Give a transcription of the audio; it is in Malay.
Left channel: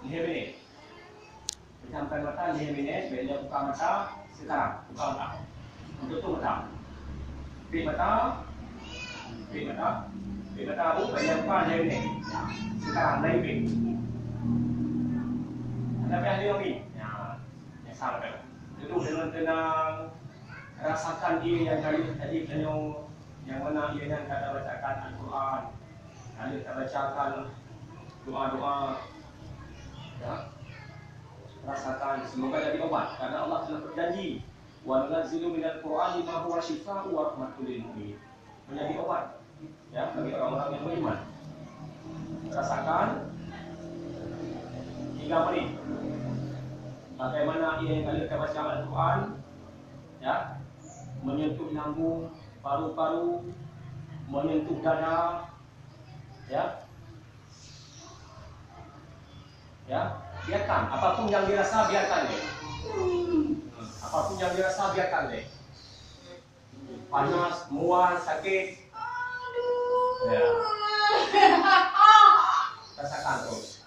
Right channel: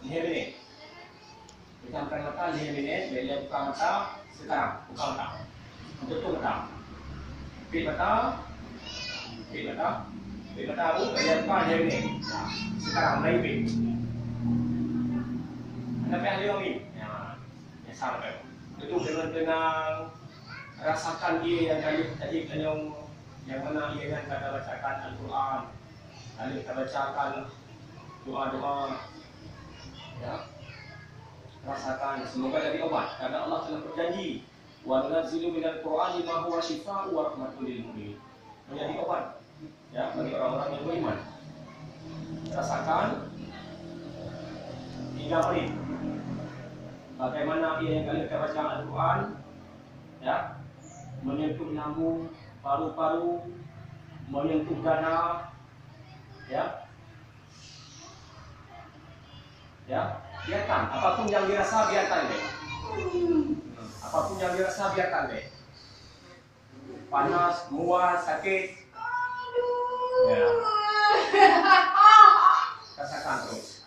Lihat ini. Pejamkan mata 5 minit. Bila buka mata sekarang. Buka mata. Tutup mata. Pit mata. Pit mata. Pit mata abu. Bila buka 5 minit. Sekarang mulai pit. Anda pergi 5 minit. Ya, sampai. Duduk dengan tenang. Rasakan dia yang tadi yang mana ia yang kita bacakan Al-Quran. Lalu kita bacakan doa-doa. Ya. Rasakan semoga jadi obat karena Allah telah berjanji wa nunazzilu minal Qur'ani ma huwa syifaa'un wa rahmatun lil mu'minin. Menjadi obat ya bagi orang-orang yang beriman. Rasakan 3 menit. Bagaimana ia yang kalian baca Al-Quran ya menyentuh lambung, paru-paru, menyentuh dada ya. Ya, biarkan apapun yang dirasa biarkan deh. Apapun yang dirasa biarkan deh. Panas, mual, sakit. Ya. Rasakan terus.